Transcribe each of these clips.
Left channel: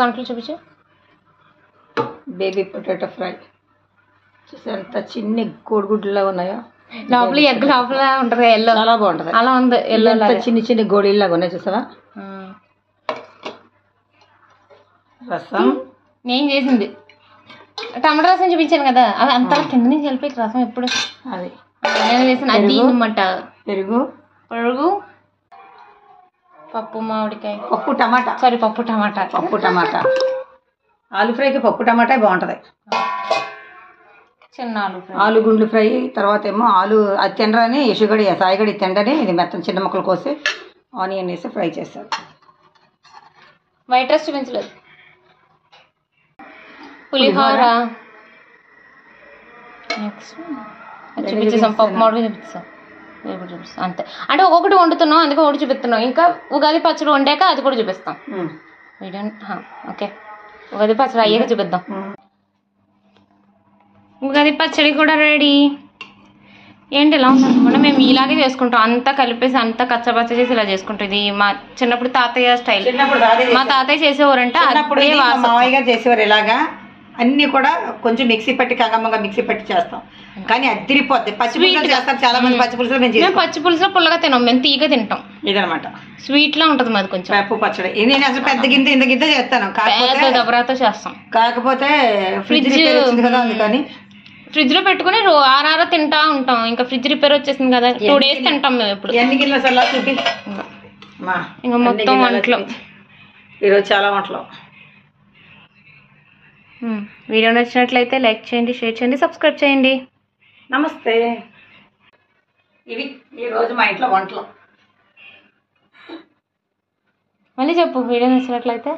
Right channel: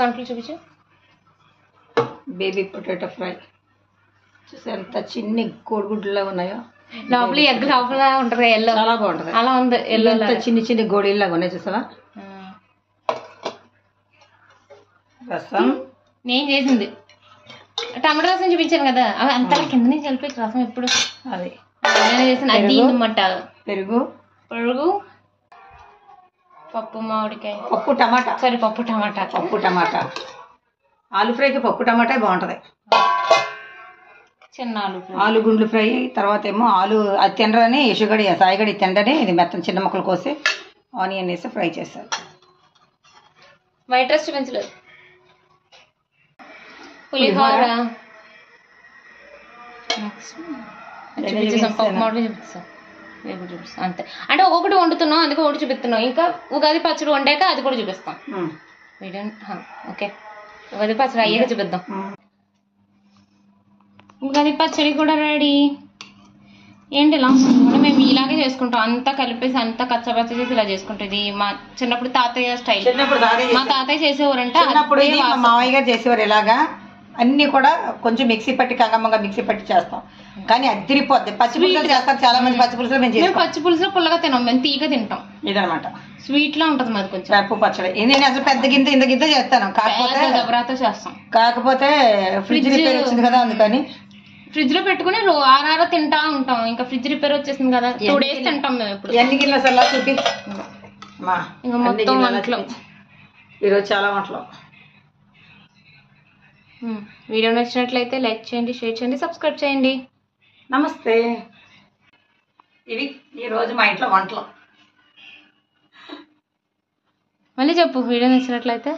దాంట్లో చూపించు. Baby potato fry చూసారు ఎంత చిన్ని కోడిగుడ్డులా ఉన్నాయో. లోపల ఎగ్ లోపల ఉంటది ఎల్లో, చాలా బాగుంటది. అలా ఉంది ఎల్లో చిన్ని చిన్ని గోళీలాగా ఉన్నాయి చూసావా. రసం నేను చేసింది టమాటా రసం చూపించాను కదా, అవి అంతా కింద నుంచి వెళ్ళిపోయి రసం ఎప్పుడు అది నేను చేసిన అది అన్నమాట. పెరుగు పెరుగు పప్పు మామిడికాయ పప్పు టమాటా పప్పు టమాటా ఆలు ఫ్రైకి పప్పు టమాటా బాగుంటది. చిన్న ఆలు గుండ్లు ఫ్రై. తర్వాత ఏమో ఆలు అది తినరని యశుగడి సాయిగడి తినడని ఇది మొత్తం చిన్న ముక్కలు కోసి ఆనియన్ వేసి ఫ్రై చేస్తారు. వైట్ రైస్ చూపించలేదు. పులిహోర చూపించేసాం, పప్పు మామిడి చూపిస్తాం, వేపుడు చూపిస్తాం అంతే. అంటే ఒక్కొక్కటి వండుతున్నాం అందుకే ఒకటి చూపిస్తున్నాం. ఇంకా ఉగాది పచ్చడి వండాక అది కూడా చూపిస్తాం. ఓకే ఉగాది పచ్చడి అయ్యాక చూపిద్దాం. ఉగాది పచ్చడి కూడా రెడీ. ఏంటి ఇలా ఉంటుంది, మేము ఇలాగే చేసుకుంటాం, అంతా కలిపేసి అంతా కచ్చపచ్చ చేసి ఇలా చేసుకుంటాం. ఇది మా చిన్నప్పుడు తాతయ్య స్టైల్. మా తాతయ్య చేసేవారంటే మామయ్య గారు చేసేవారు ఇలాగా. అన్ని కూడా కొంచెం మిక్సీ పట్టి కంగమ్మగా మిక్సీ పట్టి చేస్తాం, కానీ అదిరిపోద్ది. పచ్చిపులుసు చేస్తారు చాలా మంది. పచ్చిపులుసులో మేము పచ్చిపులుసులో పుల్లగా తినాం, మేము తీగ తింటాం. ఇదనమాట స్వీట్ లా ఉంటది మాది కొంచెం పప్పు పచ్చడి. నేను అసలు పెద్ద గింత ఇంత గింత చేస్తాను, దబరాతో చేస్తాం. కాకపోతే ఫ్రిడ్జ్ రిపేర్ వచ్చింది కదా అందుకని ఫ్రిడ్జ్ లో పెట్టుకుని ఆరారా తింటా ఉంటాం. ఇంకా ఫ్రిడ్జ్ రిపేర్ వచ్చేసింది కదా 2 days తింటాం మేము. ఎప్పుడు ఎన్ని గిన్నెలు అసలు చూపి ఇంకా మొత్తం వంటలు ఈరోజు చాలా వంటలు. వీడియో నచ్చినట్లయితే లైక్ చేయండి, షేర్ చేయండి, సబ్స్క్రైబ్ చేయండి. నమస్తే. ఇవి ఈరోజు మా ఇంట్లో వంటలు. మళ్ళీ చెప్పు. వీడియో నచ్చినట్లయితే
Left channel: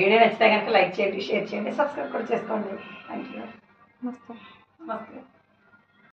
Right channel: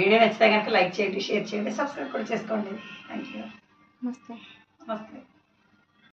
వీడియో నచ్చితే కనుక లైక్ చేయండి, షేర్ చేయండి, సబ్స్క్రైబ్ కూడా చేసుకోండి. Thank you. నమస్తే. నమస్తే.